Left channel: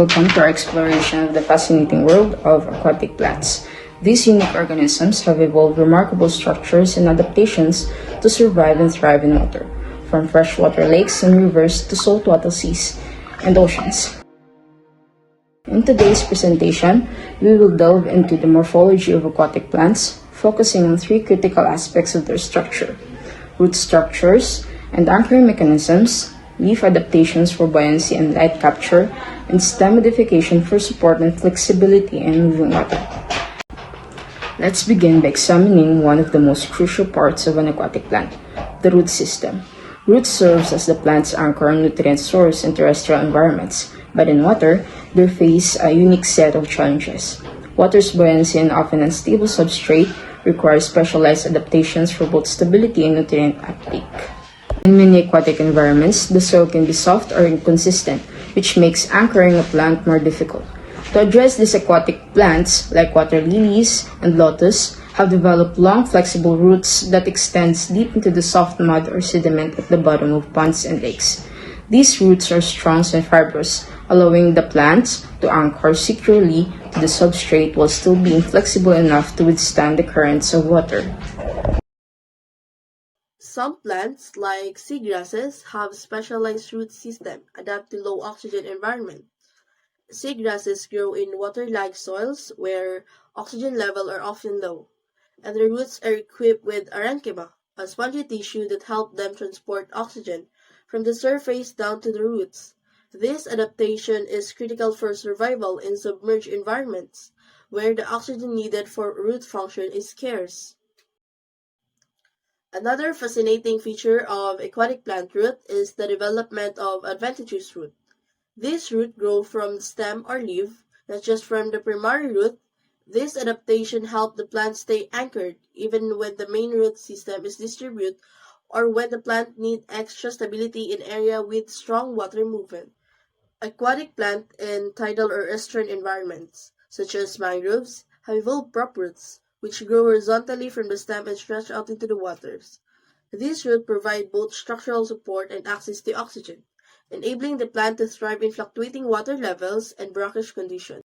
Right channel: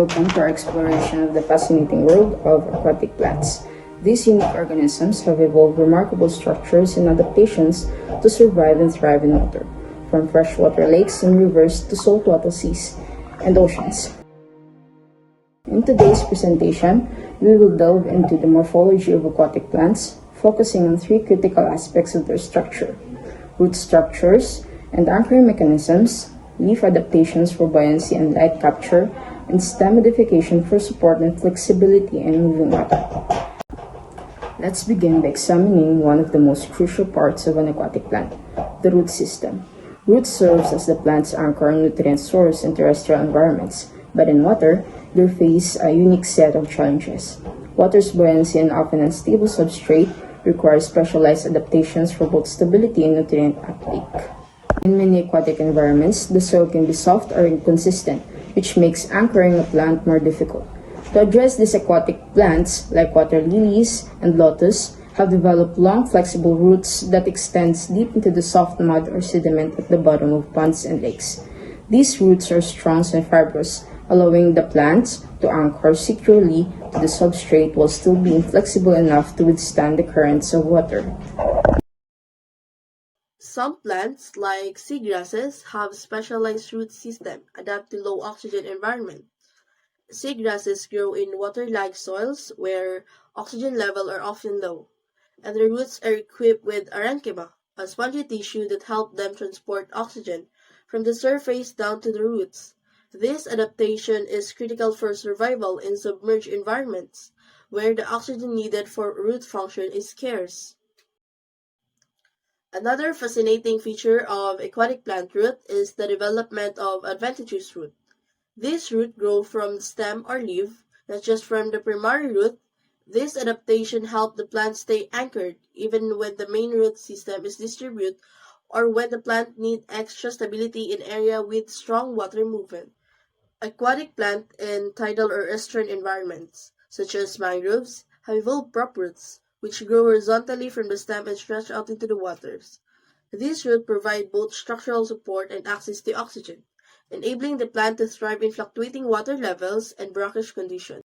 welcome to our exploration of the fascinating world of aquatic plants. These unique organisms have evolved remarkable structures and adaptations to survive and thrive in water, from freshwater lakes and rivers to saltwater seas and oceans. In today's presentation, we will delve into the morphology of aquatic plants, focusing on three critical aspects of their structure: root structures and anchoring mechanisms, leaf adaptations for buoyancy and light capture, and stem modification for support and flexibility in moving water. Let's begin by examining one of the most crucial parts of an aquatic plant, the root system. Roots serves as the plant's anchor and nutrient source in terrestrial environments, but in water, they face a unique set of challenges. Water's buoyancy and often unstable substrate require specialized adaptations for both stability and nutrient uptake. In many aquatic environments, the soil can be soft or inconsistent, which makes anchoring a plant more difficult. To address this, aquatic plants, like water lilies and lotus, have developed long, flexible roots that extend deep into the soft mud or sediment at the bottom of ponds and lakes. These roots are strong and fibrous, allowing the plants to anchor securely to the substrate while still being flexible enough to withstand the currents of water. Some plants, like seagrasses, have specialized root system adapted to low oxygen environment. Seagrasses grow in water-like soils where oxygen levels are often low, and their roots are equipped with parenchyma, a spongy tissue that helps them transport oxygen from the surface down to the roots. This adaptation is critical for survival in submerged environments, where the oxygen needed for root function is scarce. Another fascinating feature of aquatic plant root is the development of adventitious root. These roots grow from the stem or leaf, not just from the primary root. This adaptation helps the plant stay anchored even when the main root system is distributed or when the plant needs extra stability in areas with strong water movement. Aquatic plants in tidal or estuarine environments, such as mangroves, have evolved prop roots, which grow horizontally from the stem and stretch out into the waters. These roots provide both structural support and access to oxygen, enabling the plant to thrive in fluctuating water levels and brackish conditions.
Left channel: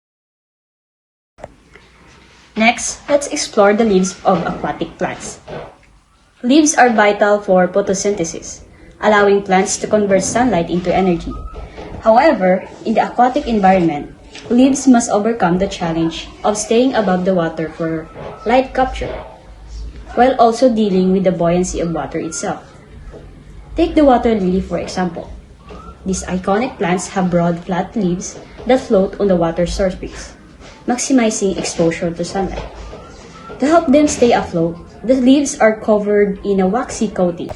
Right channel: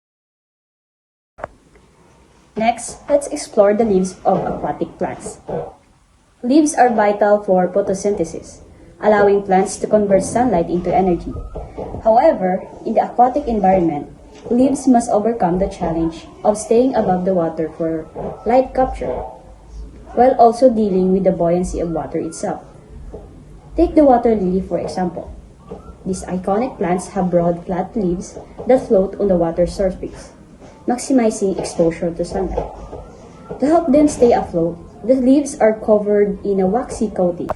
Next, let's explore the leaves of aquatic plants. Leaves are vital for photosynthesis, allowing plants to convert sunlight into energy. However, in the aquatic environment, leaves must overcome the challenge of staying above the water for light capture, while also dealing with the buoyancy of water itself. Take the water lily for example. These iconic plants have broad, flat leaves that float on the water surface, maximizing exposure to sunlight. To help them stay afloat, the leaves are covered in a waxy coating,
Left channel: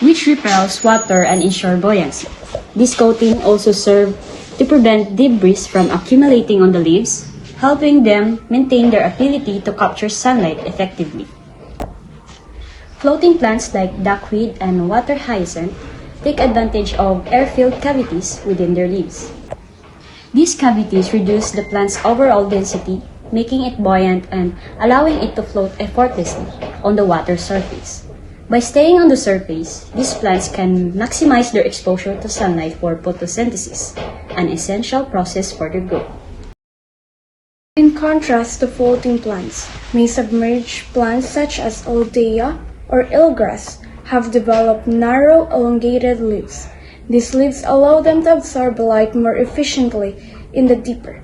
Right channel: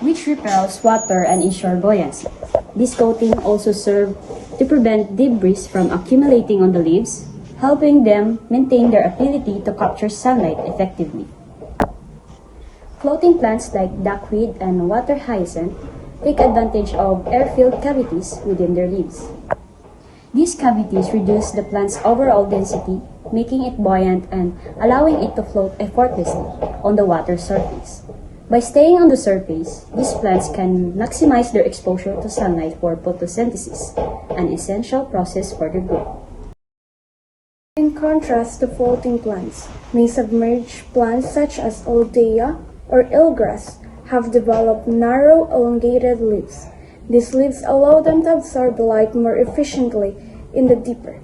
which repels water and ensures buoyancy. This coating also serves to prevent debris from accumulating on the leaves, helping them maintain their ability to capture sunlight effectively. Floating plants like duckweed and water hyacinth take advantage of air-filled cavities within their leaves. These cavities reduce the plant's overall density, making it buoyant and allowing it to float effortlessly on the water surface. By staying on the surface, these plants can maximize their exposure to sunlight for photosynthesis, an essential process for their growth. In contrast to floating plants, may submerged plants such as Althea or eelgrass have developed narrow, elongated leaves. These leaves allow them to absorb light more efficiently in the deeper,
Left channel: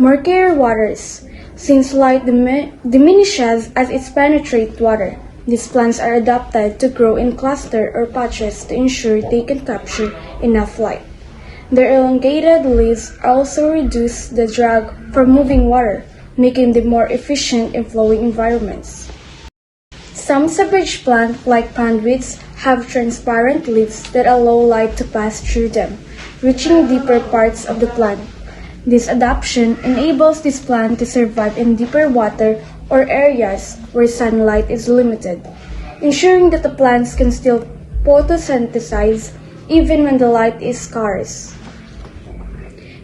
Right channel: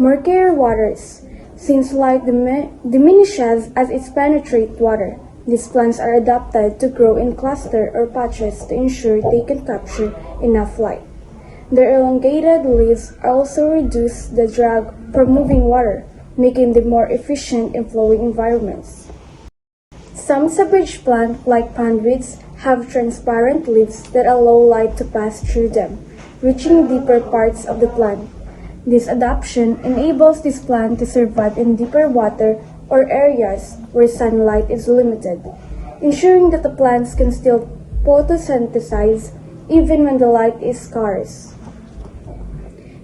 murkier waters. Since light diminishes as it penetrates water, these plants are adapted to grow in clusters or patches to ensure they can capture enough light. Their elongated leaves also reduce the drag from moving water, making them more efficient in flowing environments. Some submerged plants, like pondweeds, have transparent leaves that allow light to pass through them, reaching deeper parts of the plant. This adaptation enables this plant to survive in deeper water or areas where sunlight is limited, ensuring that the plants can still photosynthesize even when the light is scarce.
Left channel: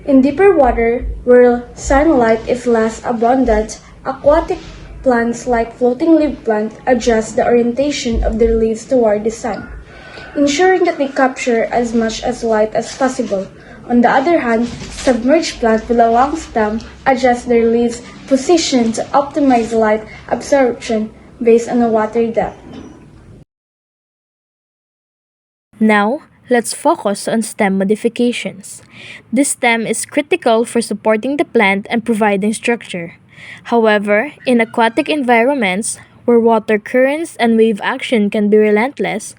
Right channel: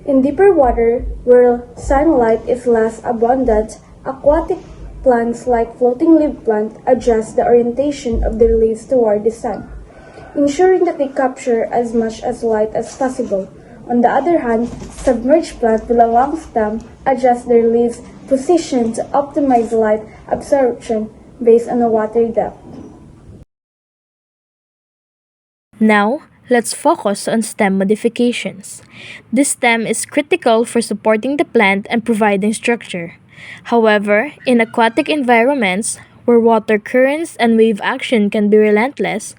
In deeper water, where sunlight is less abundant, aquatic plants like floating leaf plants adjust the orientation of their leaves toward the sun, ensuring that they capture as much as light as possible On the other hand, submerged plants with a long stem adjust their leaves' position to optimize light absorption based on the water depth. Now, let's focus on stem modifications. This stem is critical for supporting the plant and providing structure. However, in aquatic environments, where water currents and wave action can be relentless,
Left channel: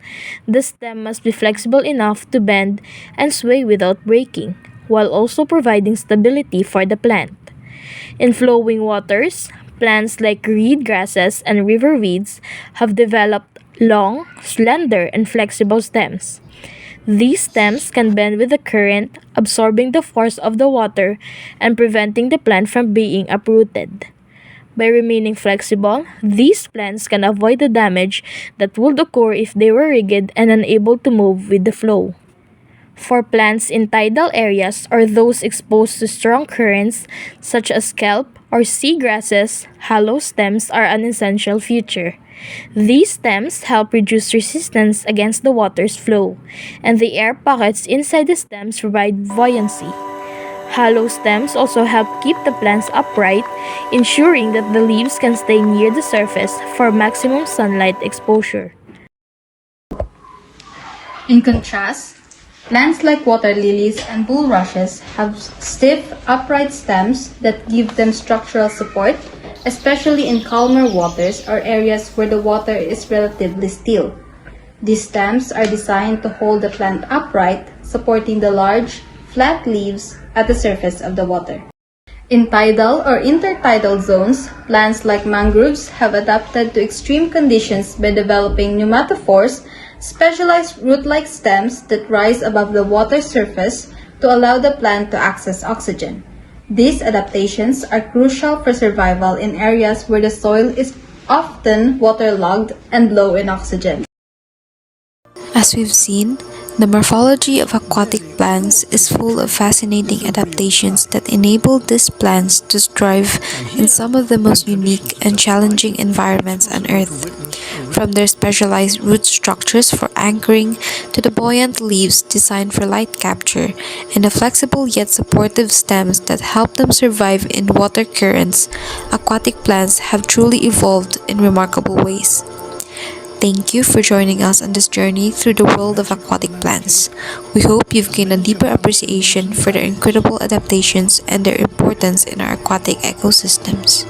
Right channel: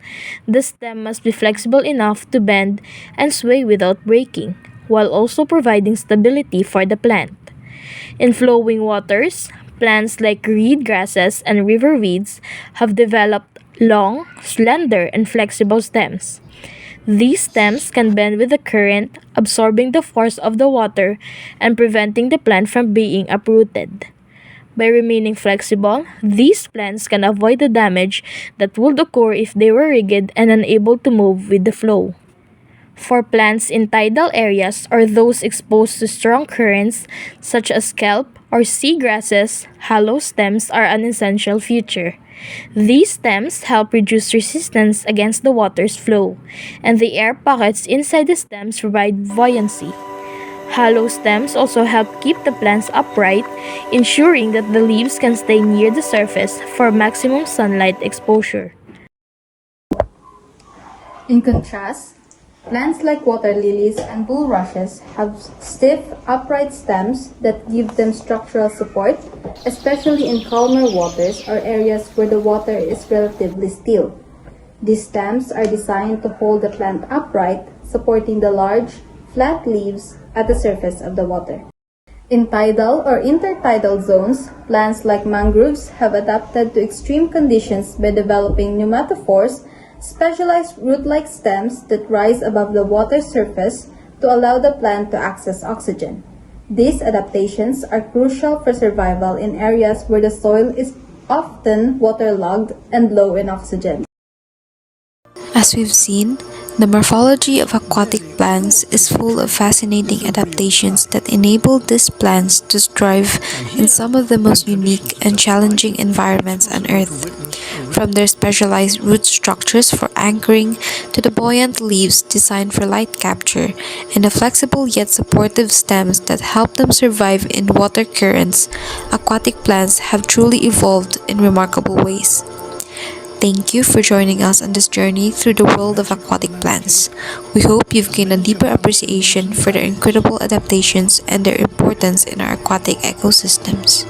the stem must be flexible enough to bend and sway without breaking, while also providing stability for the plant. In flowing waters, plants like reed grasses and river weeds have developed long, slender, and flexible stems. These stems can bend with the current, absorbing the force of the water and preventing the plant from being uprooted. By remaining flexible, these plants can avoid the damage that would occur if they were rigid and unable to move with the flow. For plants in tidal areas or those exposed to strong currents, such as kelp or sea grasses, hollow stems are an essential feature. These stems help reduce resistance against the water's flow, and the air pockets inside the stems provide buoyancy. Hollow stems also help keep the plants upright, ensuring that the leaves can stay near the surface for maximum sunlight exposure. In contrast, plants like water lilies and bulrushes have stiff, upright stems that give them structural support, especially in calmer waters or areas where the water is relatively still. These stems are designed to hold the plant upright, supporting the large, flat leaves at the surface of the water. In tidal or intertidal zones, plants like mangroves have adapted to extreme conditions by developing pneumatophores, specialized root-like stems that rise above the water surface to allow the plant to access oxygen. These adaptations are crucial for survival in areas where the soil is often waterlogged and low in oxygen. As we've seen, the morphology of aquatic plants is full of fascinating adaptations that enable these plants to thrive in some of the most unique and challenging environments on Earth. From their specialized root structures for anchoring to the buoyant leaves designed for light capture and the flexible yet supportive stems that help them survive in water currents, aquatic plants have truly evolved in remarkable ways. Thank you for joining us on this journey through the world of aquatic plants. We hope you've gained a deeper appreciation for their incredible adaptations and their importance in our aquatic ecosystems.